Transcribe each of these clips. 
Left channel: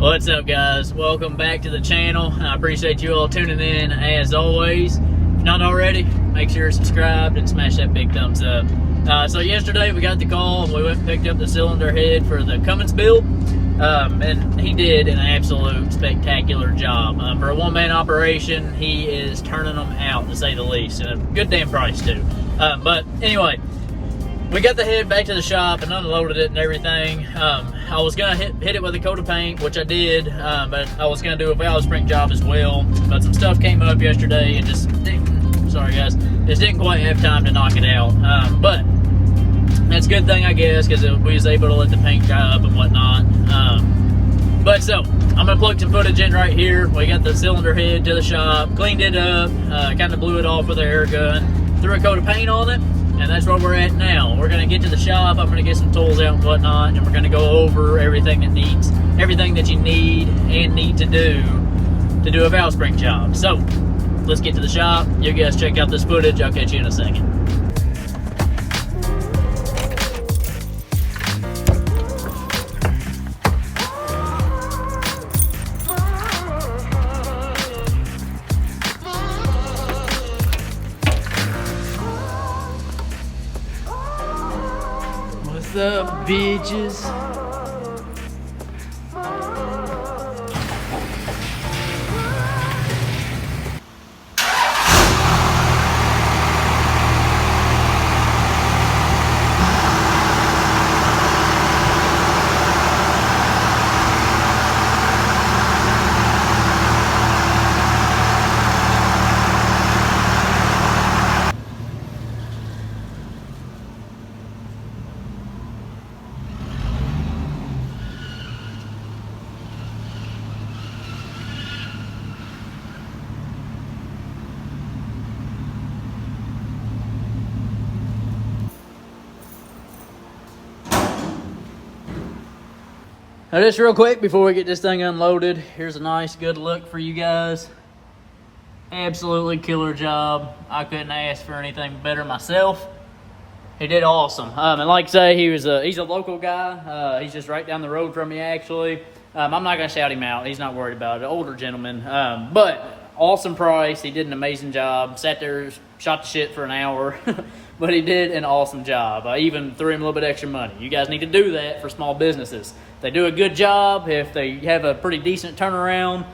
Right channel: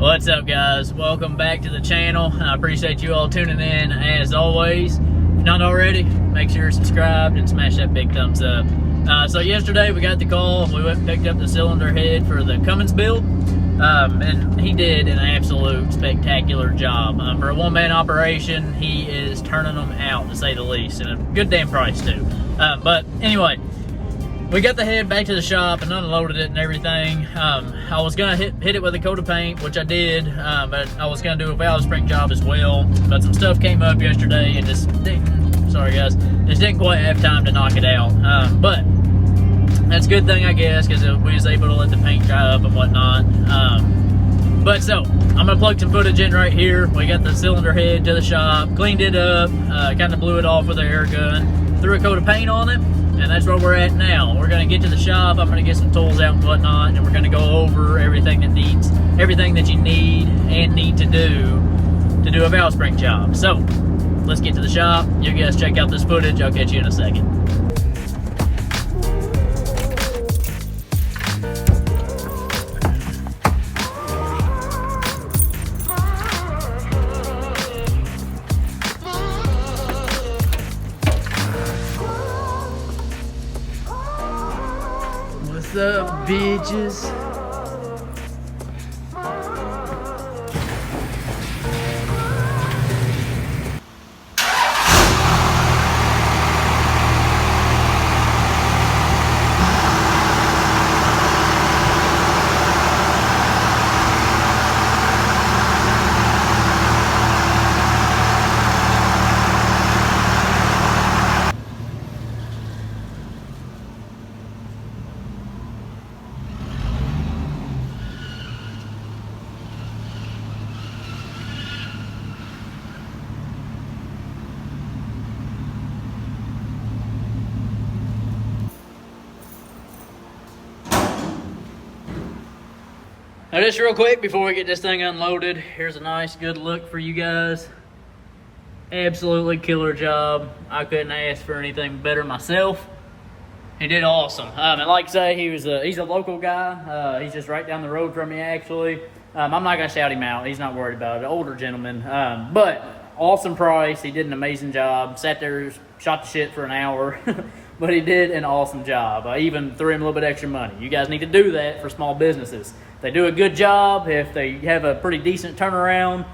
What's up, guys? Welcome back to the channel. I appreciate you all tuning in as always. If not already, make sure you're subscribed and smash that big thumbs up. So yesterday we got the call and we went and picked up the cylinder head for the Cummins build. And he did an absolute spectacular job. For a one-man operation, he is turning them out, to say the least, and a good damn price too. But anyway, we got the head back to the shop and unloaded it and everything. I was gonna hit it with a coat of paint, which I did, but I was gonna do a valve spring job as well. But some stuff came up yesterday and just didn't quite have time to knock it out. But that's a good thing, I guess, because we was able to let the paint dry up and whatnot. But so, I'm gonna plug some footage in right here. We got the cylinder head to the shop, cleaned it up, kind of blew it off with an air gun, threw a coat of paint on it, and that's where we're at now. We're gonna get to the shop, I'm gonna get some tools out and whatnot, and we're gonna go over everything that you need to do a valve spring job. So, let's get to the shop. You guys check out this footage, I'll catch you in a second. What's up, bitches? Now just real quick before we get this thing unloaded, here's a nice good look for you guys. Absolutely killer job. I couldn't ask for anything better myself. He did awesome. And like I say, he's a local guy. He's just right down the road from me actually. I'm not gonna shout him out, he's not worried about it, an older gentleman. But awesome price, he did an amazing job. Sat there, shot the shit for an hour. But he did an awesome job. I even threw him a little bit extra money. You guys need to do that for small businesses. They do a good job. If they have a pretty decent turnaround,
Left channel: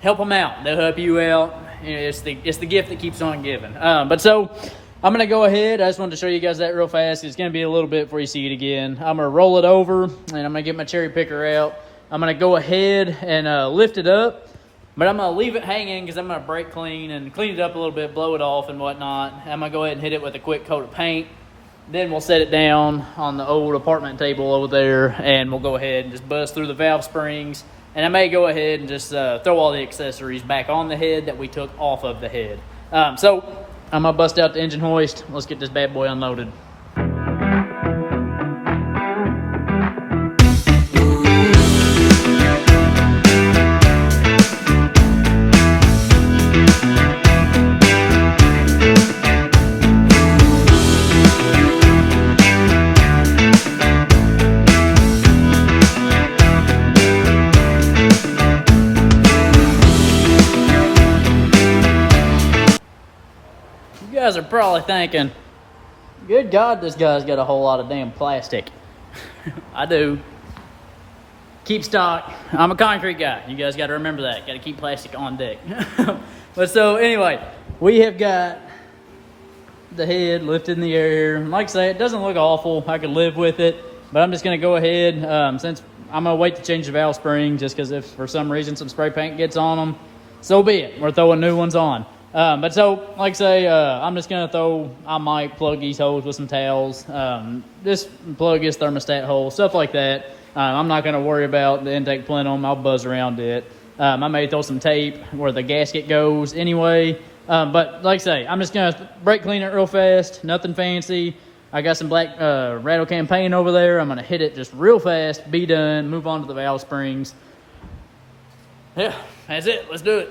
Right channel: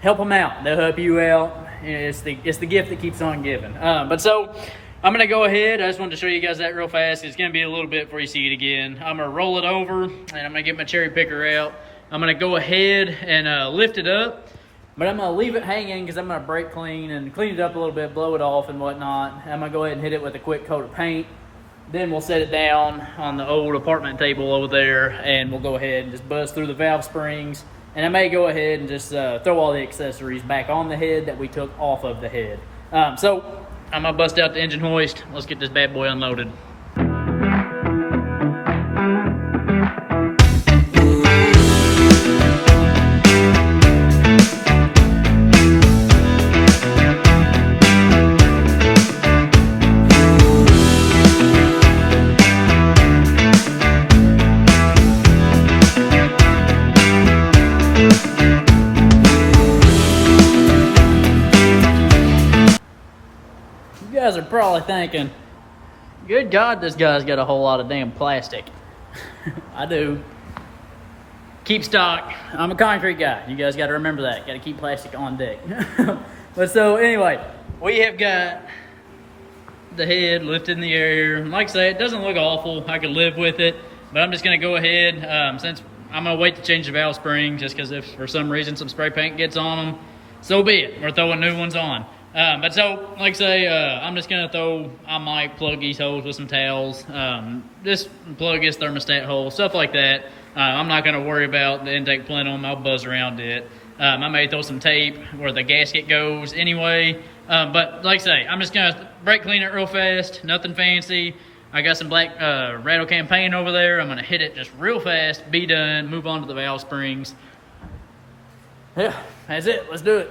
help them out. They'll help you out. It's the gift that keeps on giving. But so I'm gonna go ahead. I just wanted to show you guys that real fast. It's gonna be a little bit before you see it again. I'm gonna roll it over and I'm gonna get my cherry picker out. I'm gonna go ahead and lift it up, but I'm gonna leave it hanging because I'm gonna brake clean and clean it up a little bit, blow it off and whatnot. I'm gonna go ahead and hit it with a quick coat of paint. Then we'll set it down on the old apartment table over there and we'll go ahead and just buzz through the valve springs. And I may go ahead and just throw all the accessories back on the head that we took off of the head. So I'm gonna bust out the engine hoist. Let's get this bad boy unloaded. You guys are probably thinking, good God, this guy's got a whole lot of damn plastic. I do. Keep stock. I'm a concrete guy. You guys got to remember that. Got to keep plastic on deck. But so anyway, we have got the head lifted in the air. Like I say, it doesn't look awful. I could live with it. But I'm just going to go ahead, since I'm going to wait to change the valve spring, just because if for some reason some spray paint gets on them, so be it. We're throwing new ones on. But so, like I say, I'm just going to I might plug these holes with some towels, just plug his thermostat hole, stuff like that. I'm not going to worry about the intake plenum. I'll buzz around it. I may throw some tape where the gasket goes anyway. But like I say, I'm just going to brake clean it real fast, nothing fancy. I got some black rattle can paint over there. I'm going to hit it just real fast, be done, move on to the valve springs. Yeah, that's it. Let's do it.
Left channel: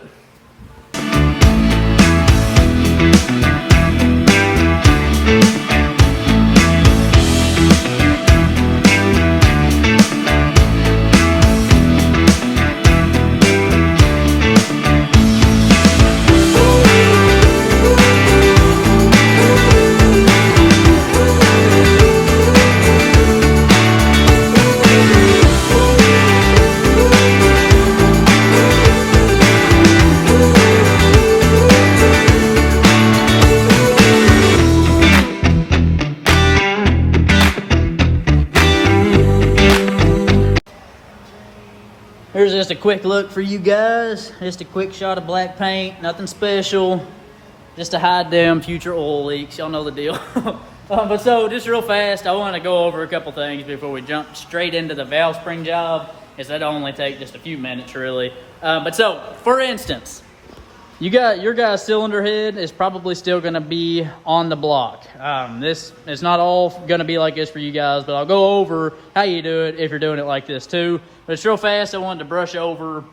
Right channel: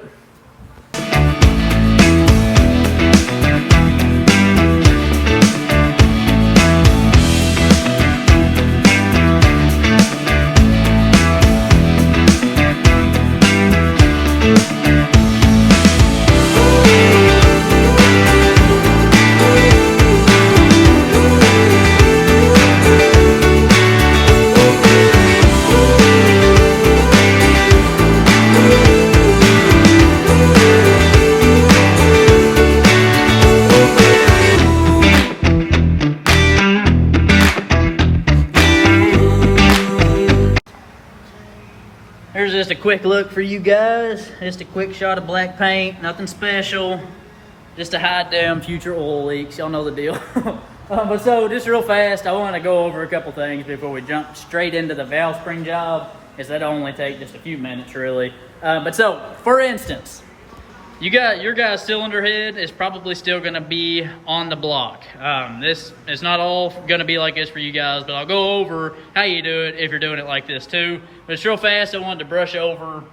Here's just a quick look for you guys. Just a quick shot of black paint, nothing special. Just to hide them future oil leaks. Y'all know the deal. But so, just real fast, I want to go over a couple things before we jump straight into the valve spring job, as that'll only take just a few minutes, really. But so, for instance, your guys' cylinder head is probably still going to be on the block. This is not all going to be like this for you guys, but I'll go over how you do it if you're doing it like this too. But it's real fast. I wanted to brush over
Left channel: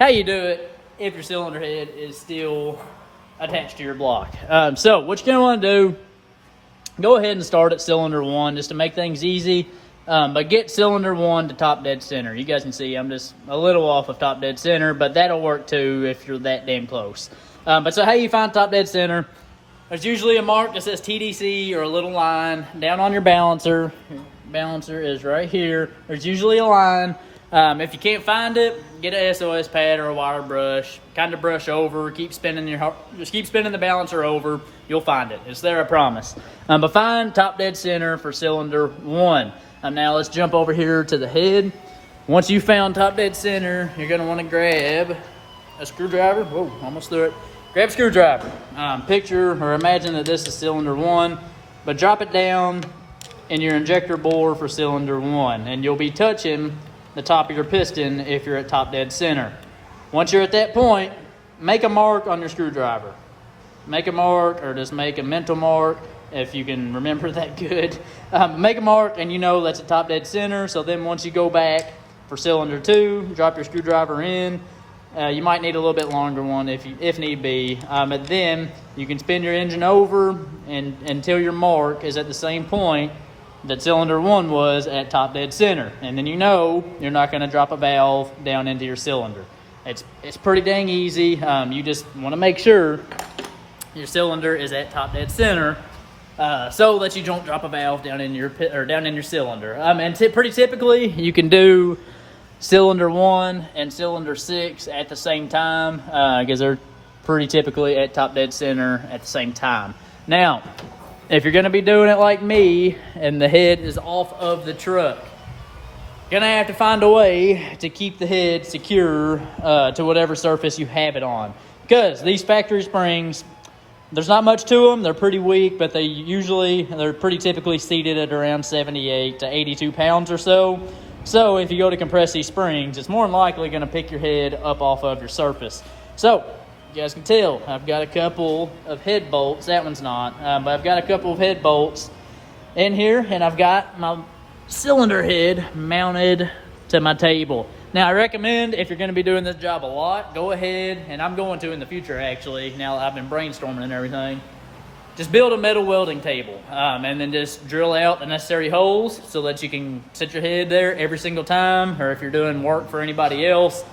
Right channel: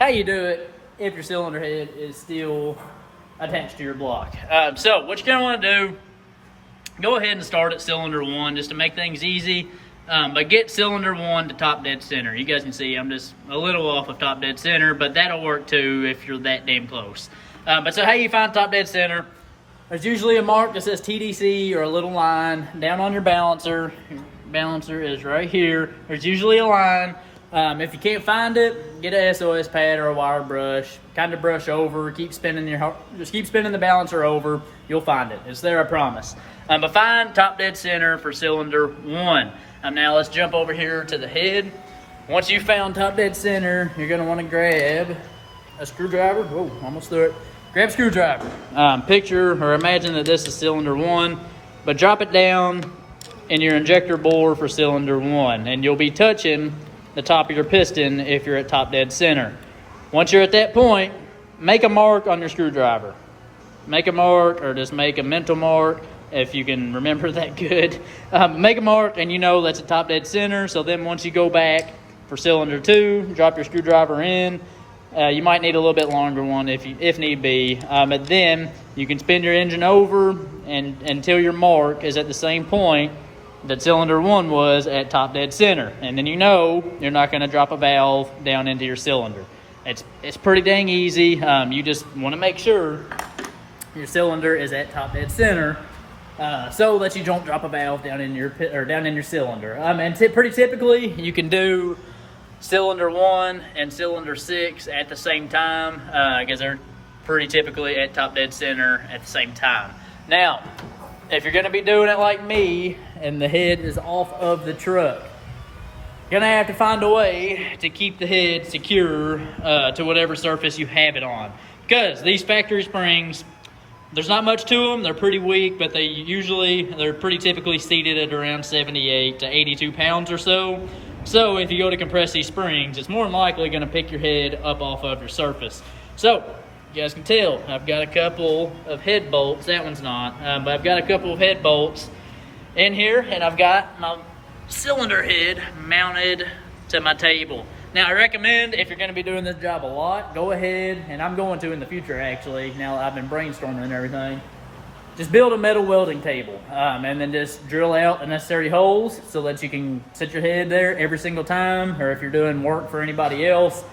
how you do it if your cylinder head is still attached to your block. So what you're going to want to do, go ahead and start at cylinder 1 just to make things easy. But get cylinder 1 to top dead center. You guys can see I'm just a little off of top dead center, but that'll work too if you're that damn close. But so how you find top dead center, there's usually a mark that says TDC or a little line down on your balancer. Your balancer is right here. There's usually a line. If you can't find it, get a SOS pad or a wire brush. Kind of brush over, keep spinning the balancer over. You'll find it. It's there, I promise. But find top dead center for cylinder 1. Now let's jump over here to the head. Once you found top dead center, you're gonna wanna grab a screwdriver. Whoa, almost threw it. Grab a screwdriver. Picture or imagine that this is cylinder 1, but drop it down in your injector bore for cylinder 1, and you'll be touching the top of your piston if you're at top dead center. Once you're at that point, make a mark on your screwdriver. Make a mark, or just make a mental mark if you can remember that good. Make a mark and you know that's a top dead center. So then once you go back for cylinder 2, drop your screwdriver in. You might need a little bit longer one if need be. But then you can spin your engine over and until your mark is at the same point that cylinder 1 was at top dead center. And then you know you're not gonna drop a valve down into your cylinder. It's pretty dang easy. You just wanna make sure your cylinder is at top dead center so that you don't drop a valve down in your cylinder. And pretty typically you can do cylinder 1 and cylinder 6 at the same time because they're pretty typically at top dead center at the same time. Now, if you're gonna be doing it like me and the head is off of the truck, you're gonna have to find a way to keep the head secure to whatever surface you have it on. Because these factory springs, there's not much to them. They're pretty weak, but they're pretty typically seated at around 78 to 82 pounds or so. So if you go to compress these springs, it's more than likely gonna pick your head up off of your surface. So you guys can tell, I've got a couple of head bolts. That one's not, but I've got a couple of head bolts in here, and I've got my cylinder head mounted to my table. Now, I recommend if you're going to be doing this job a lot, go ahead, and I'm going to in the future actually, now I've been brainstorming and everything, just build a metal welding table and then just drill out the necessary holes so that you can sit your head there every single time, or if you're doing work for anybody else,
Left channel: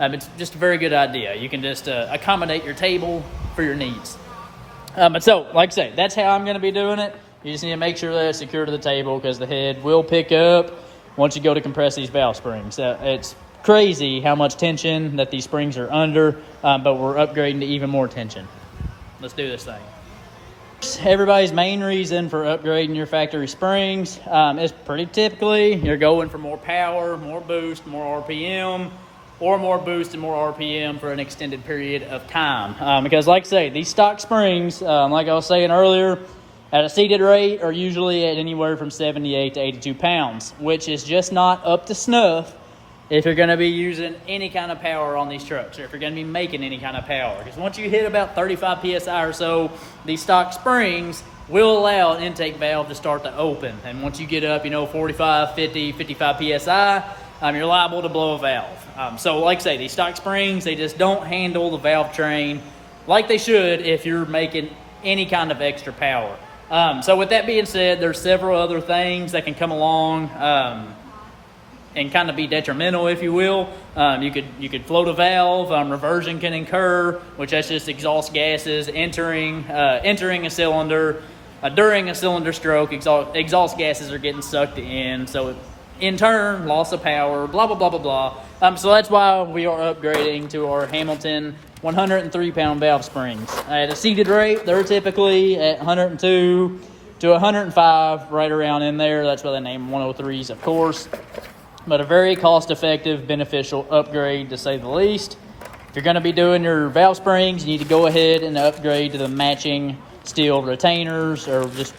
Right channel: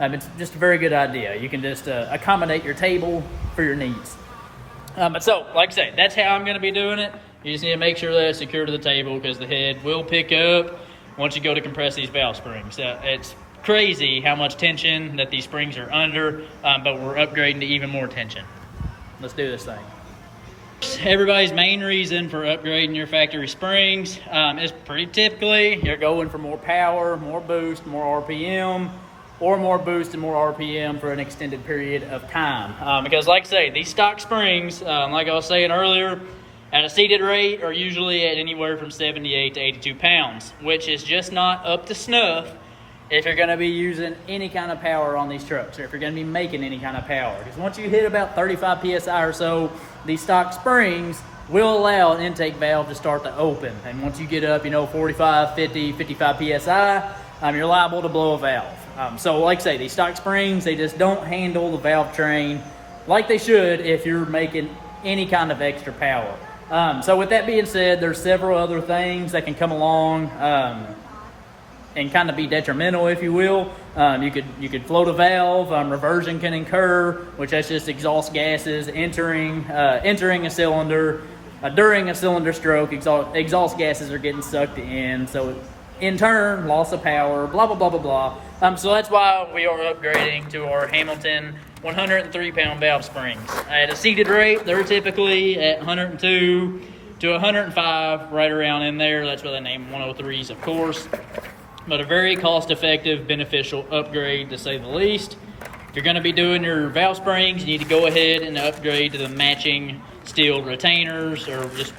it's just a very good idea. You can just accommodate your table for your needs. But so, like I say, that's how I'm going to be doing it. You just need to make sure that it's secure to the table because the head will pick up once you go to compress these valve springs. It's crazy how much tension that these springs are under, but we're upgrading to even more tension. Let's do this thing. Everybody's main reason for upgrading your factory springs is pretty typically you're going for more power, more boost, more RPM, or more boost and more RPM for an extended period of time. Because like I say, these stock springs, like I was saying earlier, at a seated rate are usually at anywhere from 78 to 82 pounds, which is just not up to snuff if you're going to be using any kind of power on these trucks, or if you're going to be making any kind of power. Because once you hit about 35 PSI or so, these stock springs will allow an intake valve to start to open. And once you get up, 45, 50, 55 PSI, you're liable to blow a valve. So like I say, these stock springs, they just don't handle the valve train like they should if you're making any kind of extra power. So with that being said, there's several other things that can come along and kind of be detrimental, if you will. You could float a valve. Reversion can incur, which that's just exhaust gases entering a cylinder. During a cylinder stroke, exhaust gases are getting sucked in, so in turn, loss of power, blah, blah, blah, blah, blah. So that's why we are upgrading to our Hamilton 103-pound valve springs. At a seated rate, they're typically at 102 to 105, right around in there. That's why they name 103s, of course. but a very cost-effective, beneficial upgrade to say the least. If you're gonna be doing your valve springs, you need to go ahead and upgrade to the matching steel retainers or just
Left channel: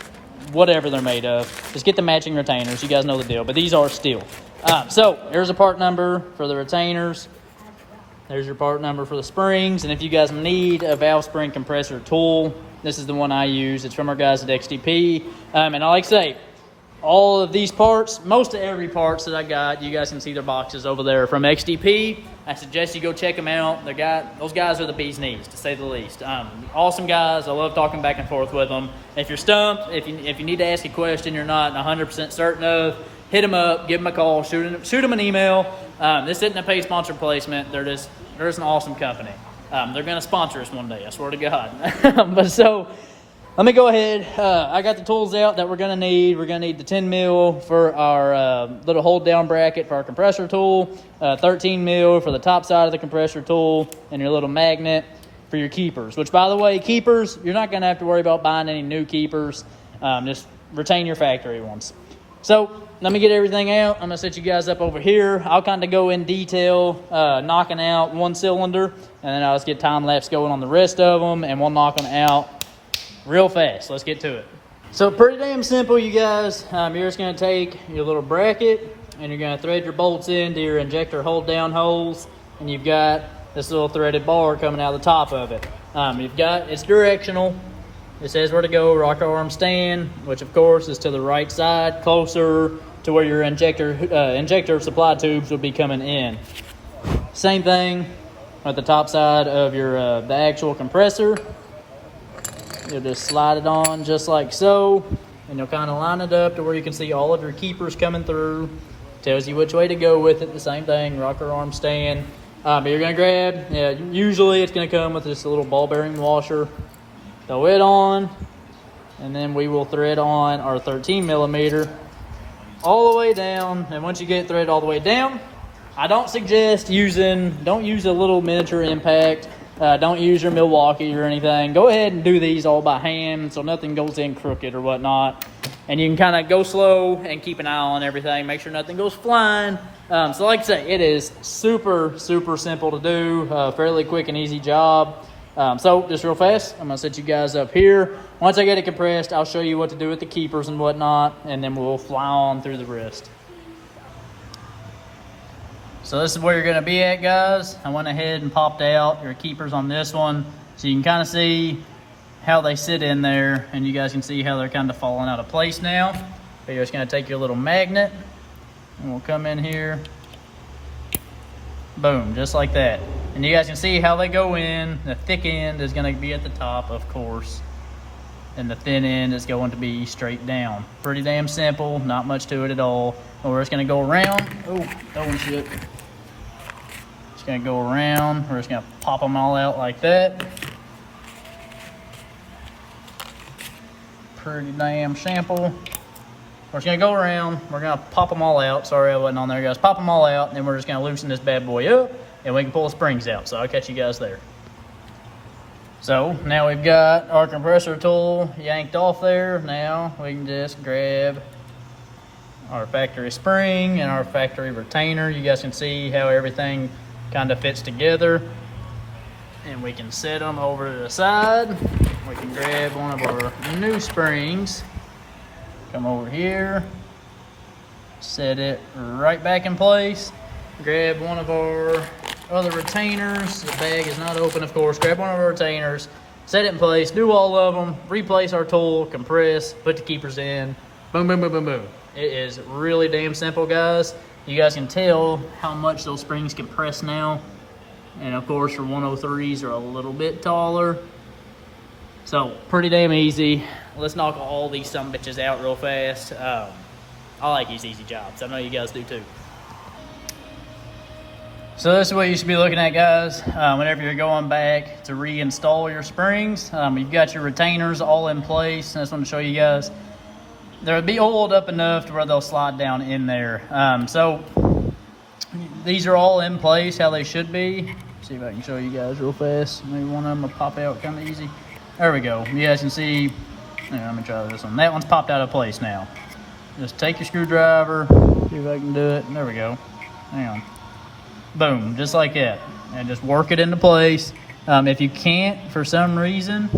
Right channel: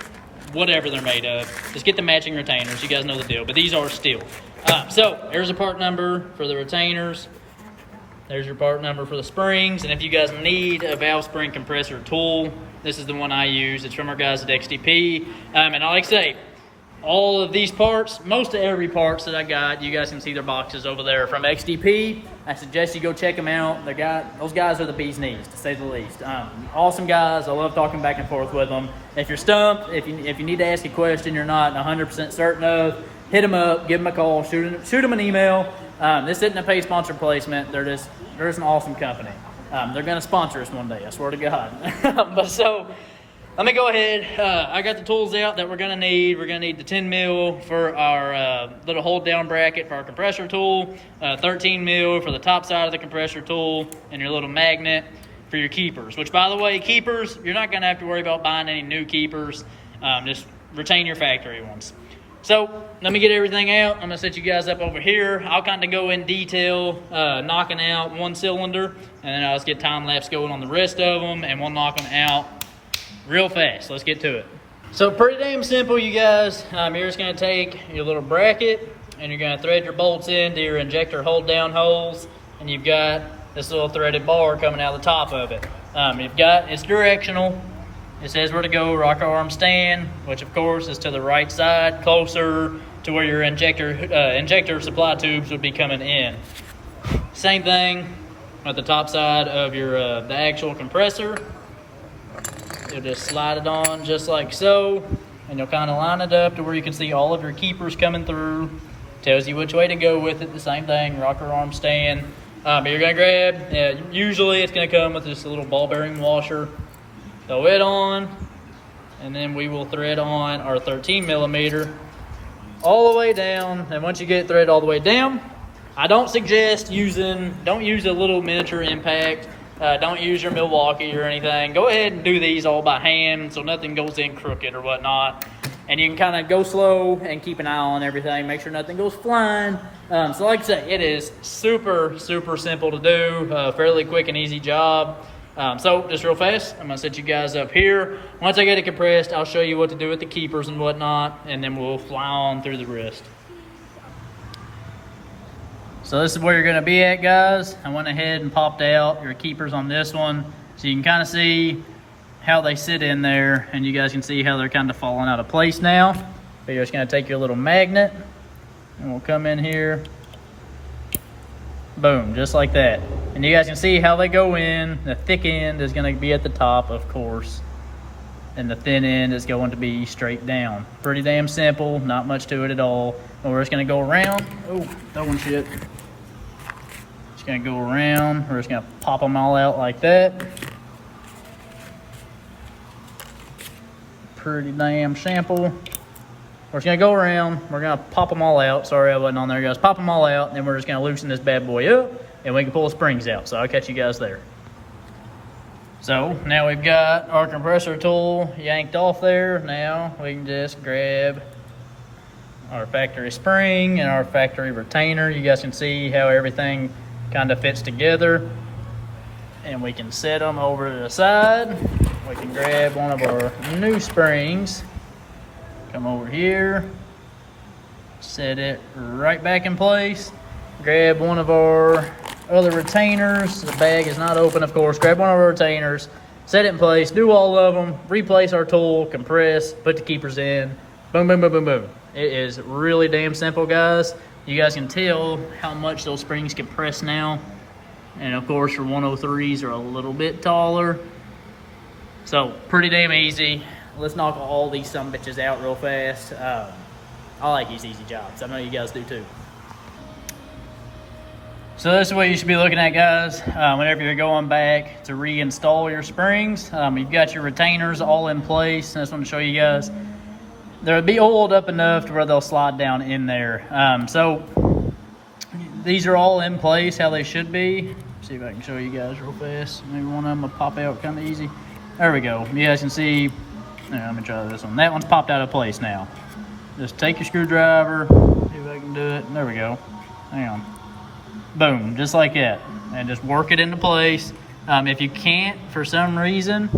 whatever they're made of. Just get the matching retainers. You guys know the deal, but these are steel. So there's a part number for the retainers. There's your part number for the springs. And if you guys need a valve spring compressor tool, this is the one I use. It's from our guys at XTP. And like I say, all of these parts, most of every parts that I got, you guys can see their boxes over there from XTP. I suggest you go check them out. Those guys are the bee's knees, to say the least. Awesome guys. I love talking back and forth with them. If you're stumped, if you need to ask a question you're not 100% certain of, hit them up, give them a call, shoot them an email. This isn't a paid sponsor placement. They're just an awesome company. They're going to sponsor us one day, I swear to God. But so, let me go ahead. I got the tools out that we're going to need. We're going to need the 10 mil for our little hold down bracket for our compressor tool, 13 mil for the top side of the compressor tool, and your little magnet for your keepers. Which, by the way, keepers, you're not going to have to worry about buying any new keepers. Just retain your factory ones. So let me get everything out. I'm going to set you guys up over here. I'll kind of go in detail, knocking out one cylinder, and then I'll just get time lapse going on the rest of them, and we'll knock them out real fast. Let's get to it. So pretty damn simple, you guys. You're just going to take your little bracket and you're going to thread your bolts into your injector hold down holes, and you've got this little threaded bar coming out of the top of it. It's directional. It says where to go, rocker arm stand, which of course is to the right side, closer to where your injector supply tubes would be coming in. Same thing at the top side of your the actual compressor. You'll just slide it on just like so, and you'll kind of line it up to where you can see all of your keepers coming through. Tells you which way to go with it. The same thing, rocker arm stand. You're gonna grab, usually it's gonna come with this little ball bearing washer. Throw it on, and then we will thread on our 13 millimeter all the way down. And once you get it threaded all the way down, I don't suggest don't use a little miniature impact. Don't use your Milwaukee or anything. Go ahead and do these all by hand so nothing goes in crooked or whatnot. And you can kind of go slow and keep an eye on everything. Make sure nothing goes flying. So like I say, it is super, super simple to do. Fairly quick and easy job. So just real fast, I'm gonna set you guys up here. Once I get it compressed, I'll show you what to do with the keepers and whatnot, and then we'll fly on through the rest. So this is where you're gonna be at, guys. I went ahead and popped out your keepers on this one, so you can kind of see how they sit in there, and you guys can see how they're kind of falling out of place now. But you're just gonna take your little magnet, and we'll come in here. Boom, just like that. And you guys can see how they go in. The thick end is going to be at the top, of course, and the thin end is going to be straight down. Pretty damn simple, not much to it at all. But we're just going to go around. Oh, throwing shit. Just going to go around. We're just going to pop them all out like that. Pretty damn simple. We're just going to go around. We're going to pop them all out. Sorry I wasn't on there, guys. Pop them all out, and then we're just going to loosen this bad boy up, and we can pull the springs out. So I'll catch you guys there. So now we've got our compressor tool yanked off there. Now we can just grab our factory spring and our factory retainer. You guys can see how everything kind of fits together. And we can set them over to the side. We can grab one of our new springs. Come over here, set it right back in place. Grab one of our other retainers. The bag is not open, of course. Grab one of our retainers, set it in place, do all of them, replace our tool, compress, put the keepers in. Boom, boom, boom, boom, boom. It is really damn simple, guys. You guys can tell how much those springs compress now. And of course, your 103s are a little bit taller. So pretty damn easy. Let's knock all these sumbitches out real fast. I like these easy jobs. I know you guys do too. So this is what you should be looking at, guys, whenever you're going back to reinstall your springs. You've got your retainers all in place. I just want to show you guys. They'll be oiled up enough to where they'll slide down in there. So these are all in place how they should be. See if I can show you guys real fast. Maybe one of them will pop out kind of easy. There we go. You guys can see. Let me try this one. That one's popped out of place now. Just take your screwdriver, see if I can do it. There we go. Hang on. Boom, just like that. And just work it into place. If you can't, for some reason,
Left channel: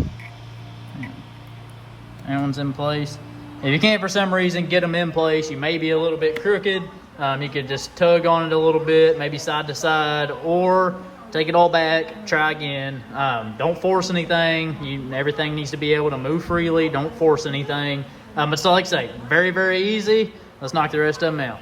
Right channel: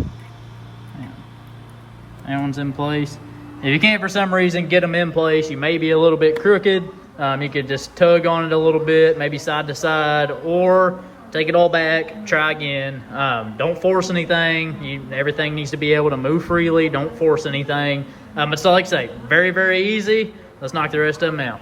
hang on. That one's in place. If you can't, for some reason, get them in place, you may be a little bit crooked. You could just tug on it a little bit, maybe side to side, or take it all back, try again. Don't force anything. Everything needs to be able to move freely. Don't force anything. But so like I say, very, very easy. Let's knock the rest of them out.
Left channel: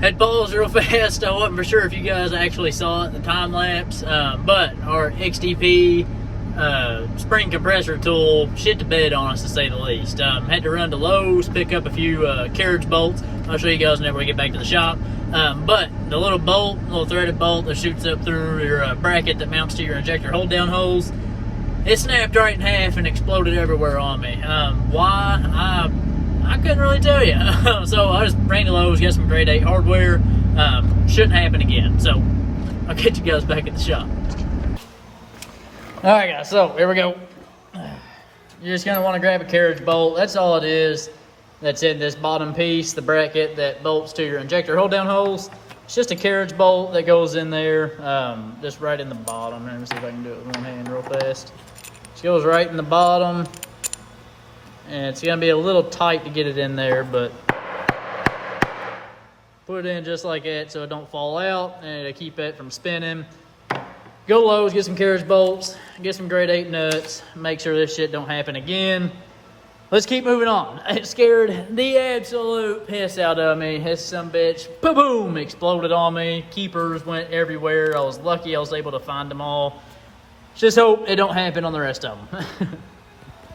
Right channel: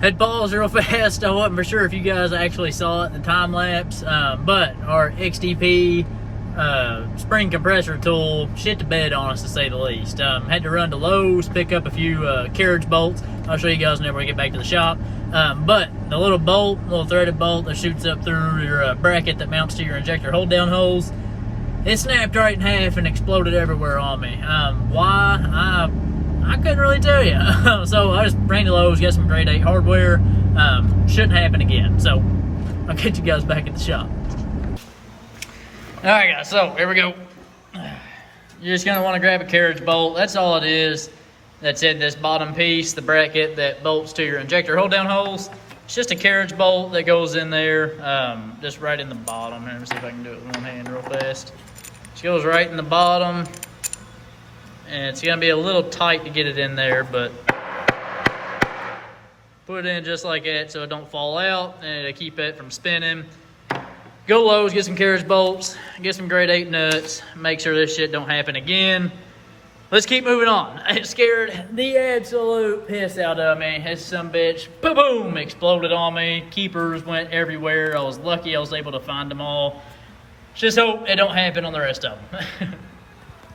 Had paused real fast. I wasn't for sure if you guys actually saw it in the time lapse, but our XDP spring compressor tool shit the bed on us, to say the least. Had to run to Lowe's, pick up a few carriage bolts. I'll show you guys whenever we get back to the shop. But the little bolt, little threaded bolt that shoots up through your bracket that mounts to your injector hold down holes, it snapped right in half and exploded everywhere on me. Why? I couldn't really tell you. So I just ran to Lowe's, got some grade 8 hardware. Shouldn't happen again. So I'll get you guys back at the shop. All right, guys, so here we go. You're just gonna wanna grab a carriage bolt. That's all it is. That's in this bottom piece, the bracket that bolts to your injector hold down holes. It's just a carriage bolt that goes in there, just right in the bottom. Let me see if I can do it with one hand real fast. It goes right in the bottom. And it's gonna be a little tight to get it in there, but put it in just like that so it don't fall out and it'll keep it from spinning. Go Lowe's, get some carriage bolts, get some grade 8 nuts, make sure this shit don't happen again. Let's keep moving on. It scared the absolute piss out of me. This sumbitch, boom, exploded on me. Keepers went everywhere. I was lucky I was able to find them all. Just hope it don't happen on the rest of them.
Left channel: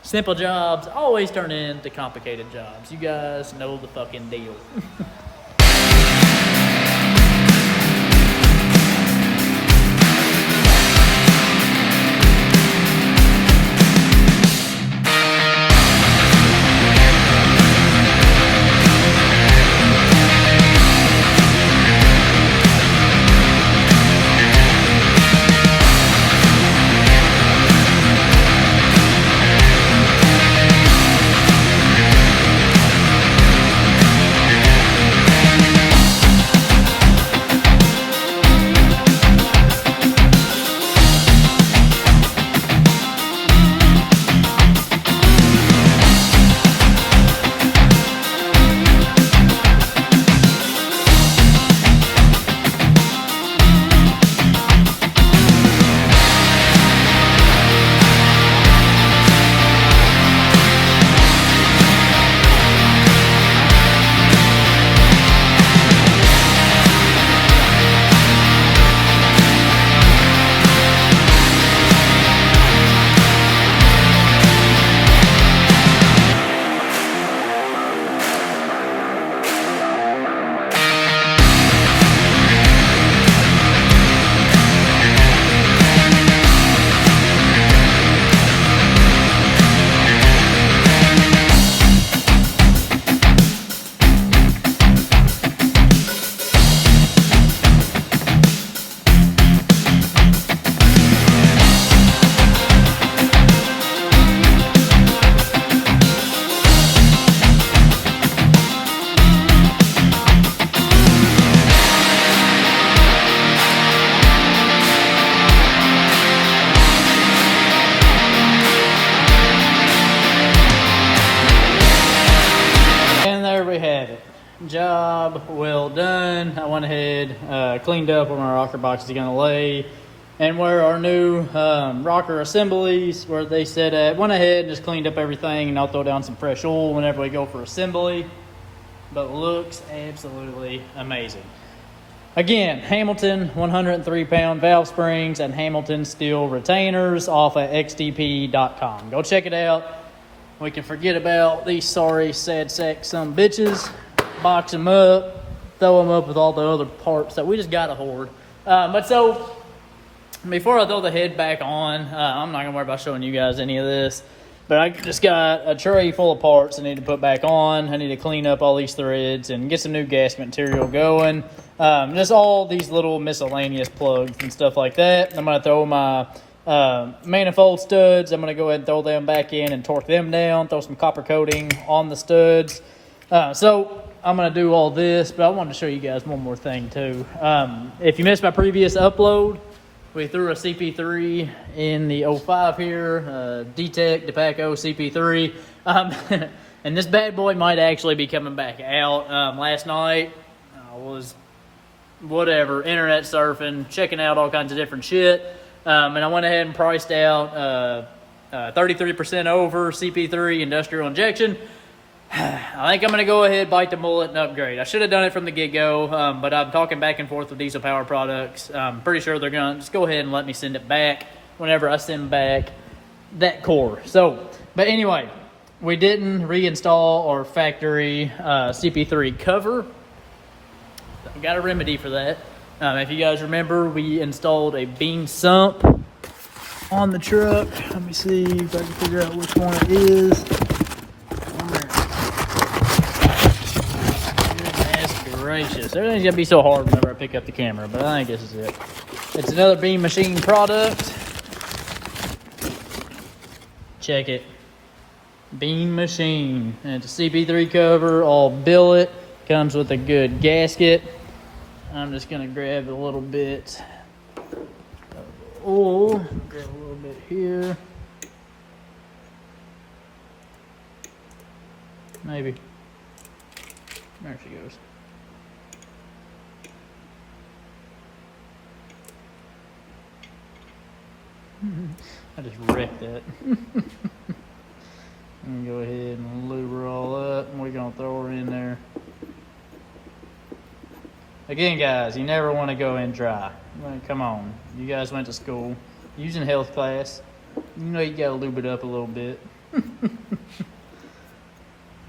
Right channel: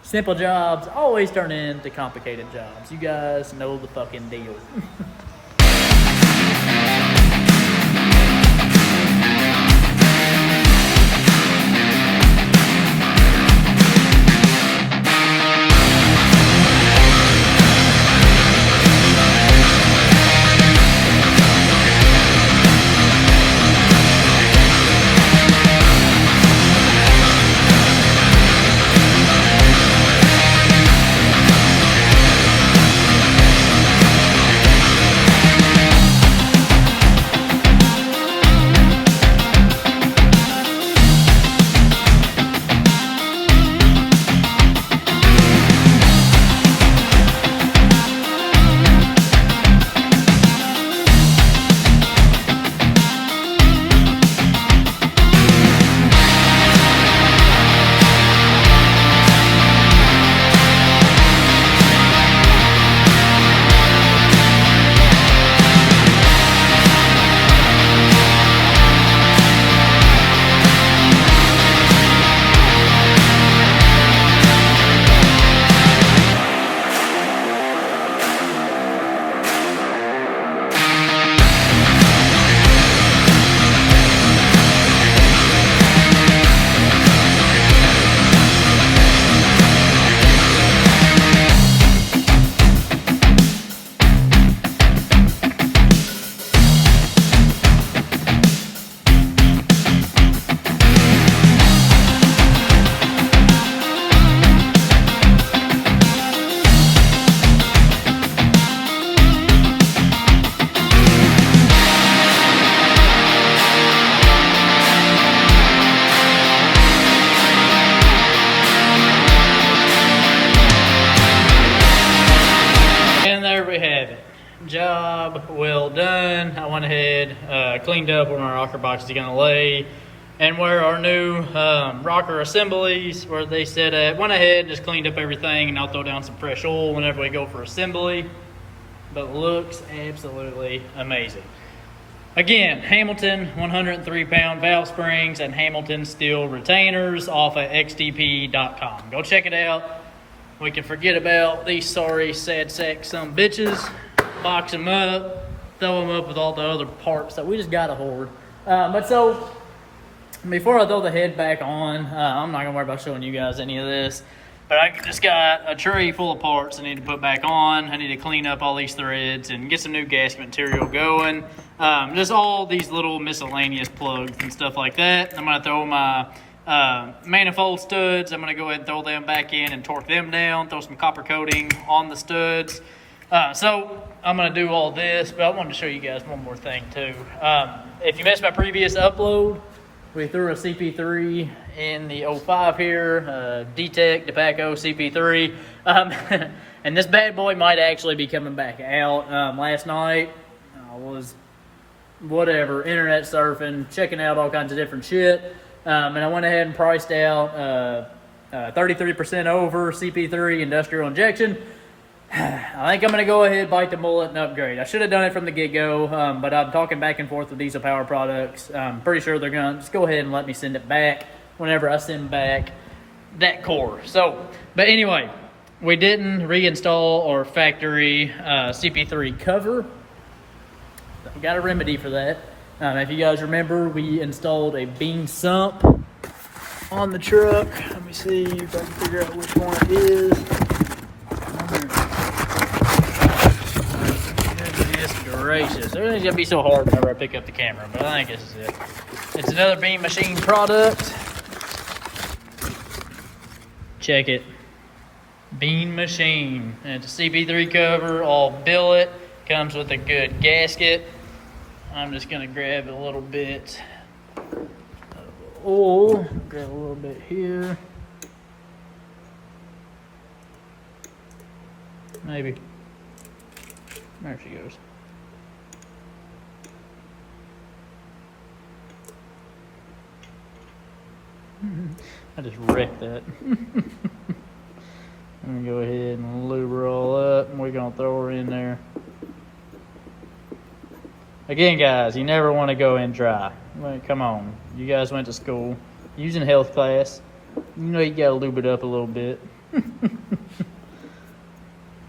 Simple jobs always turn into complicated jobs. You guys know the fucking deal. job well done. I went ahead, cleaned up where my rocker box is gonna lay and where our new rocker assemblies where they set at. Went ahead, just cleaned up everything, and I'll throw down some fresh oil whenever we go for assembly. But looks absolutely amazing. Again, Hamilton 103-pound valve springs and Hamilton steel retainers off at xdp.com. Go check it out. We can forget about these sorry, sad sack some bitches. Box them up, throw them up with all the other parts that we just gotta hoard. But so, before I throw the head back on, I'm not gonna worry about showing you guys any of this. But I just got a tray full of parts I need to put back on. I need to clean up all these threads and get some new gasket material going. Just all these little miscellaneous plugs and stuff like that. I'm going to throw my manifold studs. I'm going to go ahead and throw them back in and torque them down. Throw some copper coating on the studs. So I'm going to do all this, but I wanted to show you guys one more thing too. If you missed my previous upload, we threw a CP3 in the 05 here, D-Tech DePaco CP3. And this bad boy might actually be coming back out. Last night, I was, internet surfing, checking out all kinds of different shit. And I went ahead and priced out 33% over CP3 industrial injection. I think I'm going to go ahead, bite the bullet, and upgrade. I should have done it from the get-go, but I'm talking back and forth with Diesel Power Products. I'm pretty sure they're going to just go ahead and let me send it back whenever I send back that core. So, but anyway, we didn't reinstall our factory CP3 cover. I've got a remedy for that. If you guys remember, we installed a bean sump on the truck. Let me see if I can figure out which one it is. Gracious. Everything's gonna be so hard whenever I pick up the camera, but I think this is it. It's another Beam Machine product. Check it. Beam Machine. And it's a CP3 cover, all billet. Comes with a good gasket. I'm just gonna grab a little bit of oil. Grab a little bit here. Maybe. There she goes. I just wrecked that. I'm gonna go ahead and lube her all up, and we're gonna throw her in there. Again, guys, you never want to go in dry. Well, come on, you guys went to school using health class. You know you gotta lube it up a little bit.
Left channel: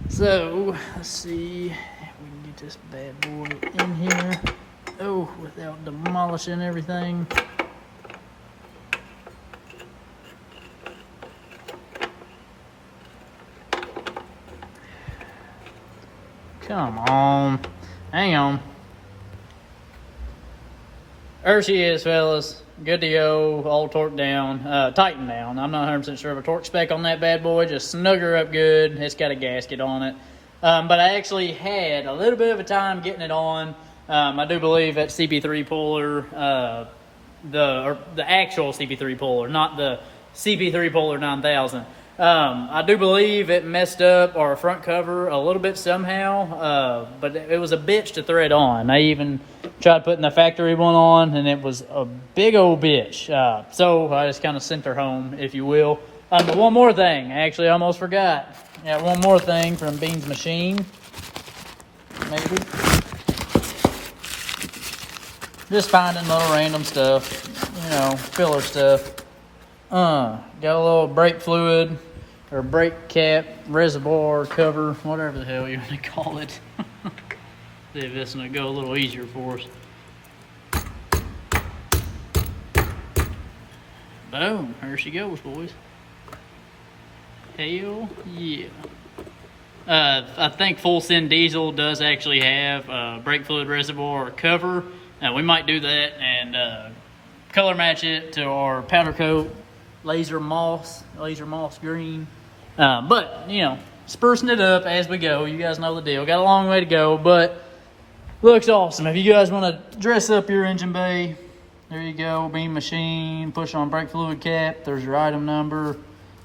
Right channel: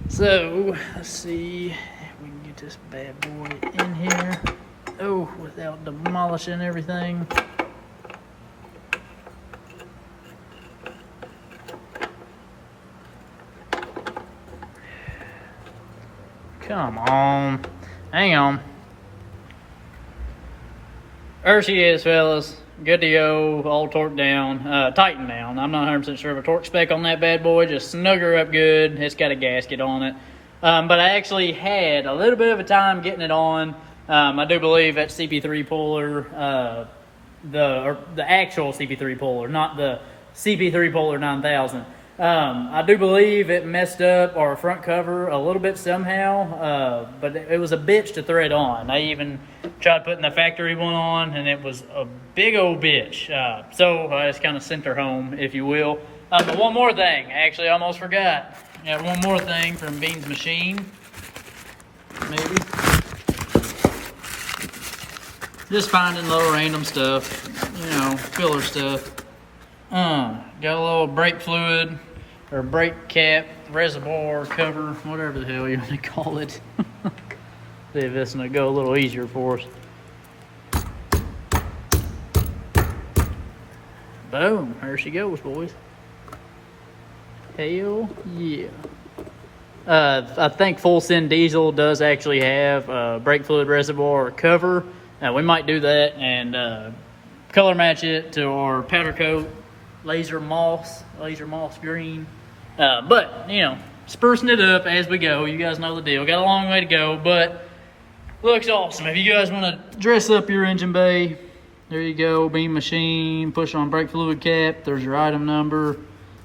So let's see if we can get this bad boy in here. Oh, without demolishing everything. Come on. Hang on. There she is, fellas. Good to go. All torqued down. Tightened down. I'm not 100% sure of a torque spec on that bad boy. Just snug her up good. It's got a gasket on it. But I actually had a little bit of a time getting it on. I do believe that CP3 puller, the actual CP3 puller, not the CP3 puller 9000. I do believe it messed up our front cover a little bit somehow, but it was a bitch to thread on. I even tried putting the factory one on, and it was a big old bitch. So I just kind of sent her home, if you will. One more thing, actually, I almost forgot. Yeah, one more thing from Bean's Machine, maybe. Just finding little random stuff, you know, filler stuff. Got a little brake fluid or brake cap, reservoir, cover, whatever the hell you want to call it. See if this will go a little easier for us. Boom, there she goes, boys. Hell yeah. I think Full Send Diesel does actually have a brake fluid reservoir cover. We might do that and color match it to our powder coat laser moss green. But, you know, sprucing it up as we go. You guys know the deal. Got a long way to go, but looks awesome. If you guys want to dress up your engine bay, there you go. Beam Machine, push on brake fluid cap. There's your item number.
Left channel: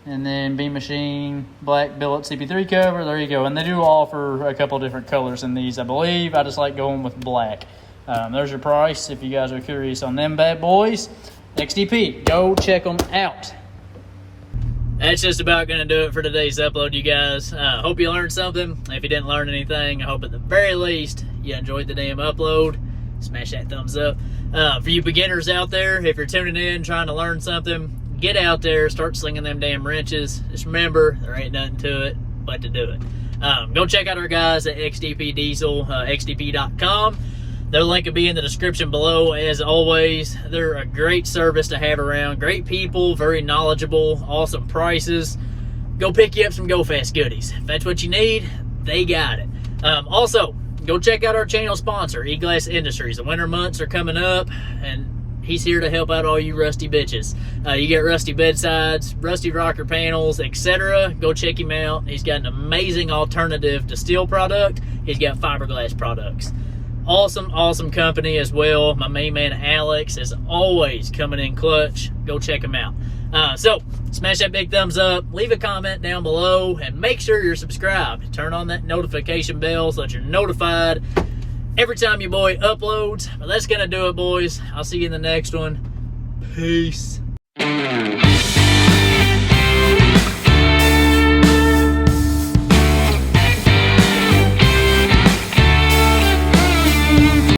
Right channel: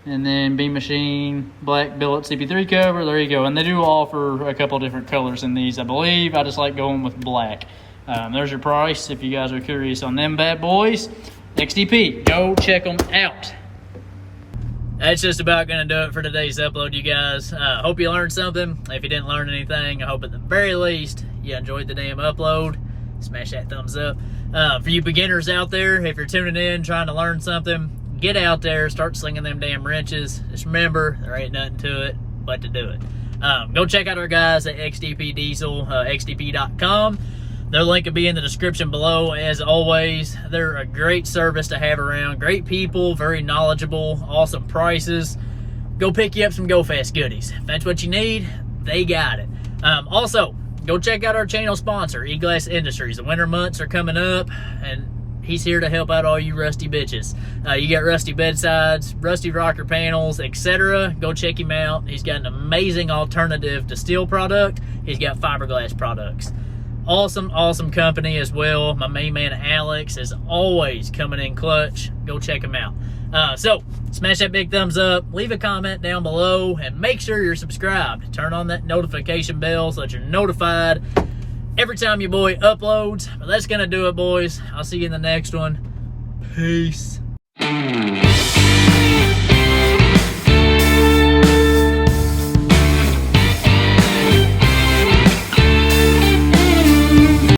And then B Machine black billet CP3 cover. There you go. And they do offer a couple different colors in these, I believe. I just like going with black. There's your price if you guys are curious on them bad boys. XDP, go check them out. That's just about going to do it for today's upload, you guys. Hope you learned something. If you didn't learn anything, I hope at the very least you enjoyed the damn upload. Smash that thumbs up. For you beginners out there, if you're tuning in trying to learn something, get out there, start slinging them damn wrenches. Just remember, there ain't nothing to it but to do it. Go check out our guys at XDP Diesel, xdp.com. Their link will be in the description below. As always, they're a great service to have around. Great people, very knowledgeable, awesome prices. Go pick you up some Go Fast goodies. If that's what you need, they got it. Also, go check out our channel sponsor, E-Glass Industries. The winter months are coming up, and he's here to help out all you rusty bitches. You got rusty bedsides, rusty rocker panels, etc. Go check him out. He's got an amazing alternative to steel product. He's got fiberglass products. Awesome company as well. My main man Alex is always coming in clutch. Go check him out. So smash that big thumbs up, leave a comment down below, and make sure you're subscribed. Turn on that notification bell so that you're notified every time your boy uploads. But that's gonna do it, boys. I'll see you in the next one. Peace.